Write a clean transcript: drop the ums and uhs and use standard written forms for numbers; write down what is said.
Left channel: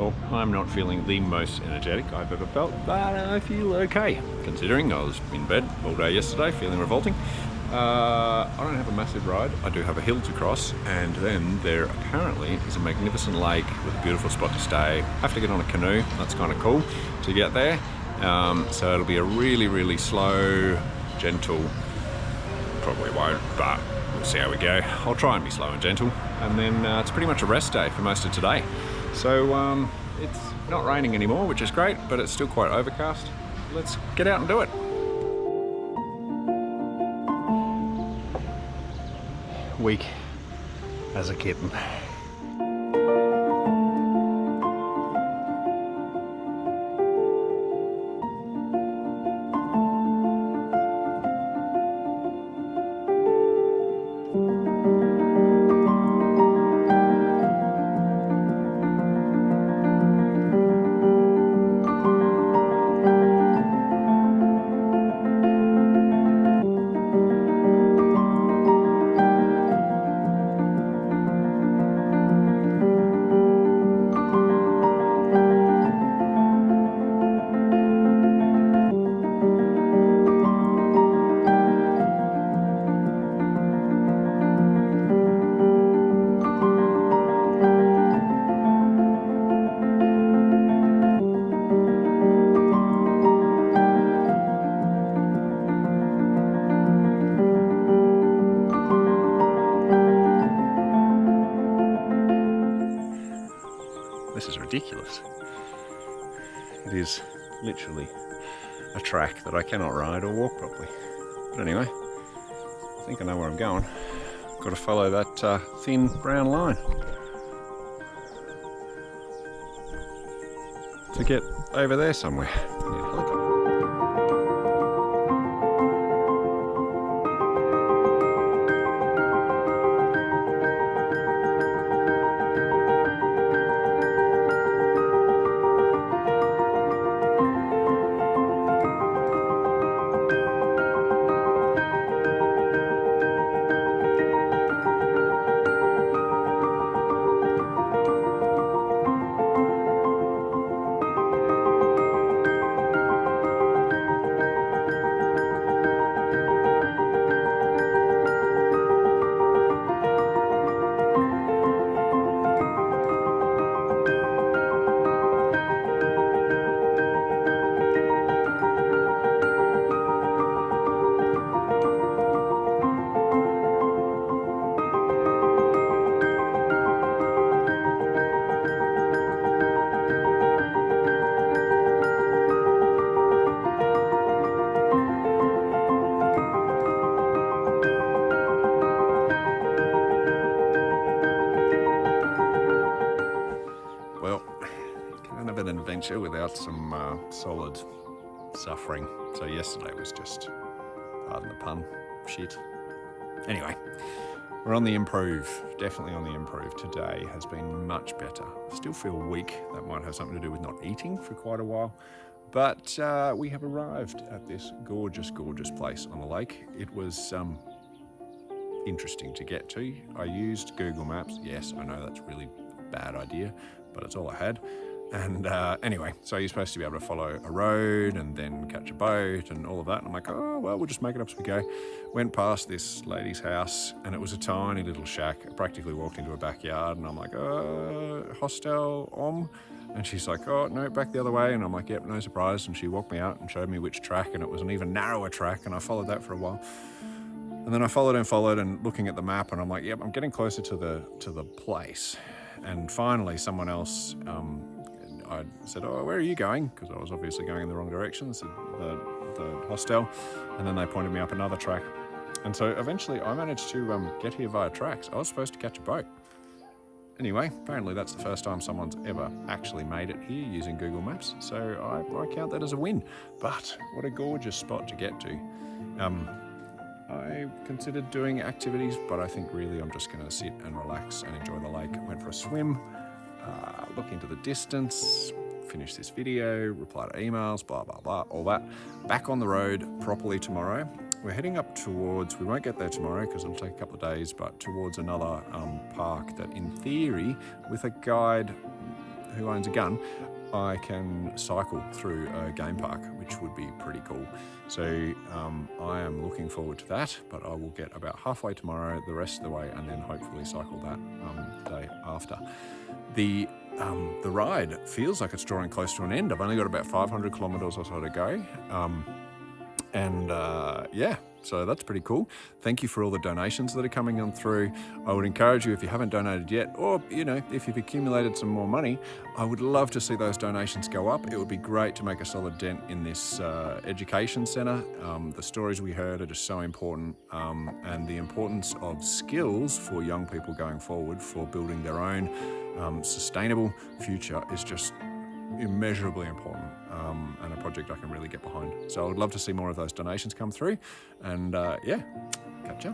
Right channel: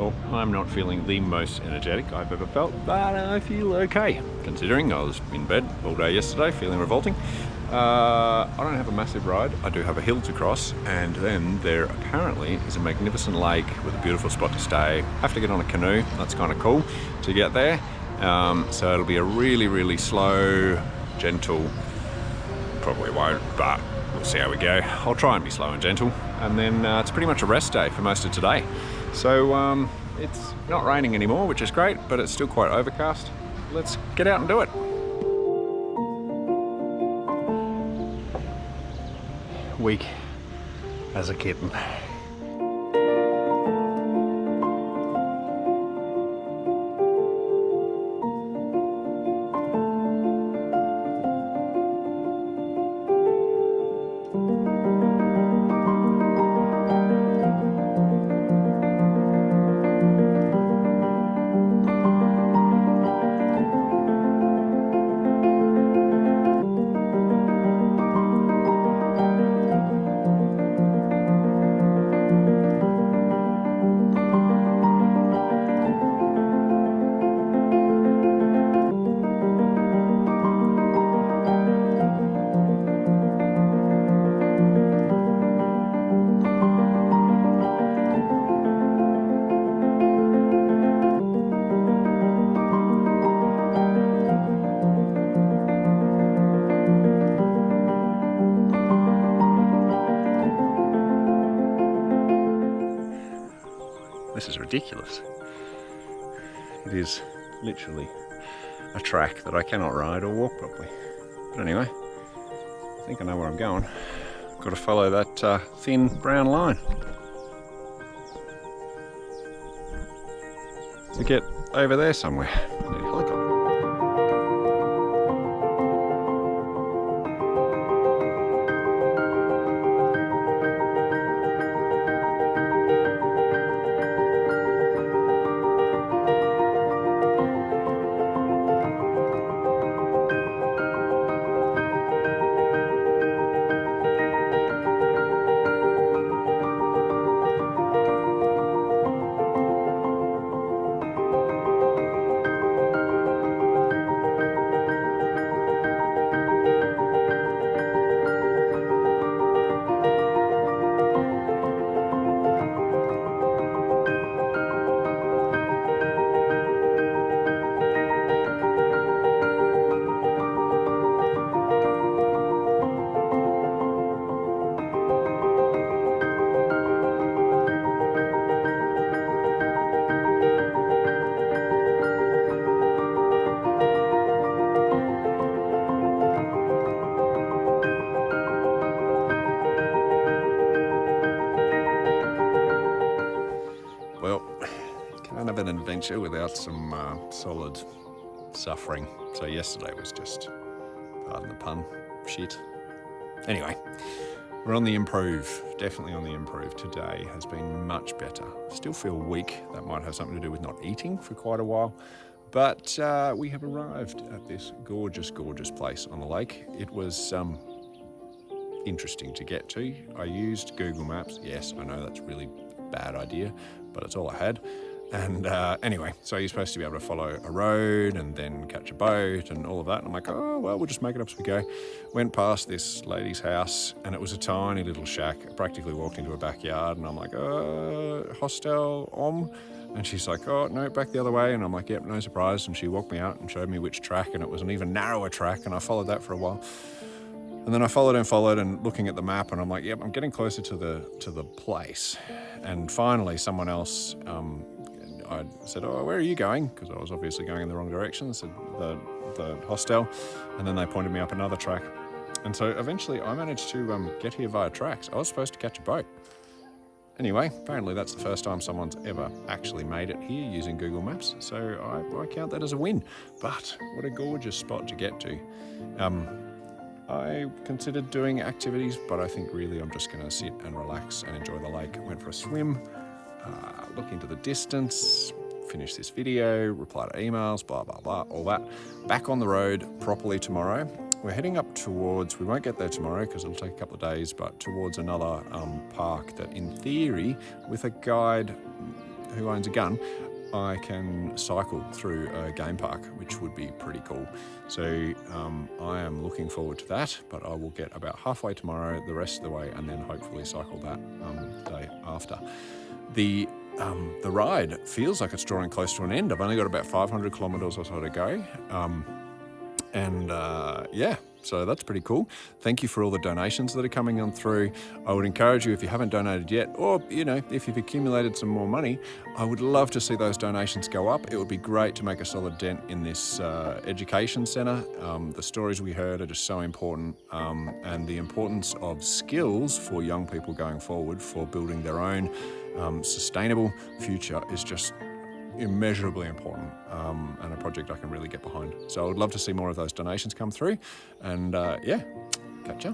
Well, I'm not feeling the most energetic I've ever felt, but I feel okay, considering I was in bed all day yesterday, feeling revolting. I don't have a massive ride. I do have a hill to cross, and then there apparently is a magnificent lake with a beautiful spot to stay. I have to get on a canoe. That's kind of cool to get there. So it'll be a really, really slow, gentle, probably won't, but we'll see how we go. I'll try and be slow and gentle. And then it's pretty much a rest day for most of today. So it's not raining anymore, which is great, but it's still quite overcast. Let's get out and do it. Weak as a kitten. This is ridiculous. It is literally a track that I cannot ride or walk properly. But anyway, I think I know where I'm going. I've got to follow that thin brown line to get over there somewhere. I need a helicopter. Well, kind of an adventure without some solid suffering. So yesterday was just, pardon the pun, shit. Anyway, we're on the improve, definitely on the improve. Today has been much better. Still feel weak. That might have something to do with not eating for quite a while. But we have arrived at this gorgeous, gorgeous place on the lake. It was interesting to get to. I used Google Maps. Yes, I know that's really bad idea, but it's all I had. And anyway, so you're supposed to be able to follow a road and then catch a boat and all of that. And I'm like, oh, well, we'll just make it up as we go. Went past this lady's house and it was a tiny little shack. I practically walked into a backyard and I'm like, hostel, And she's like, oh, no, back the other way. And I'm like, yep, no surprise. And she walked me out and showed me which track, and it was an even narrower track. And I followed that for a while. And then I followed and looking at the map, and I'm like, yep, I'm getting closer to the place. And finally, someone else, I said, oh, where are you going? Because I was obviously going in the wrong direction. So the hostel. And then they pointed me up another track. And so eventually I managed to get here via tracks. I was supposed to catch a boat. Anyway, apparently that's the first time someone's ever actually made it here using Google Maps. So I count that as a win. But what a gorgeous spot to get to. I considered doing activities, but I think really I'm just going to sit and relax and enjoy the lake. Went for a swim, look into the distance, finish this video, reply to emails, blah, blah, blah, all that. Back on the road properly tomorrow. We're heading up towards, we won't get there tomorrow because it'll take a couple of days, but towards another park that in theory, with a guide, who owns a gun, I can cycle through a game park, which would be pretty cool. So I am looking forward to that, but I will get about halfway tomorrow, the rest of the way, and then hopefully cycle that day after. The ride feels like it's drawing close to an end. I've only got about 500 kilometers or so to go. Yeah, so that's pretty cool. Thank you for all the donations that are coming on through. I would encourage you, if you haven't donated yet, or if you've accumulated some more money, I would love to see those donations go up. It would be great to make a solid dent in this education centre. The stories we heard are just so important, and the importance of skills for young people going forward for building their own sustainable future is just immeasurably important, and a project I can really get behind. So I would love to see more of those donations come through, and yeah, catch ya.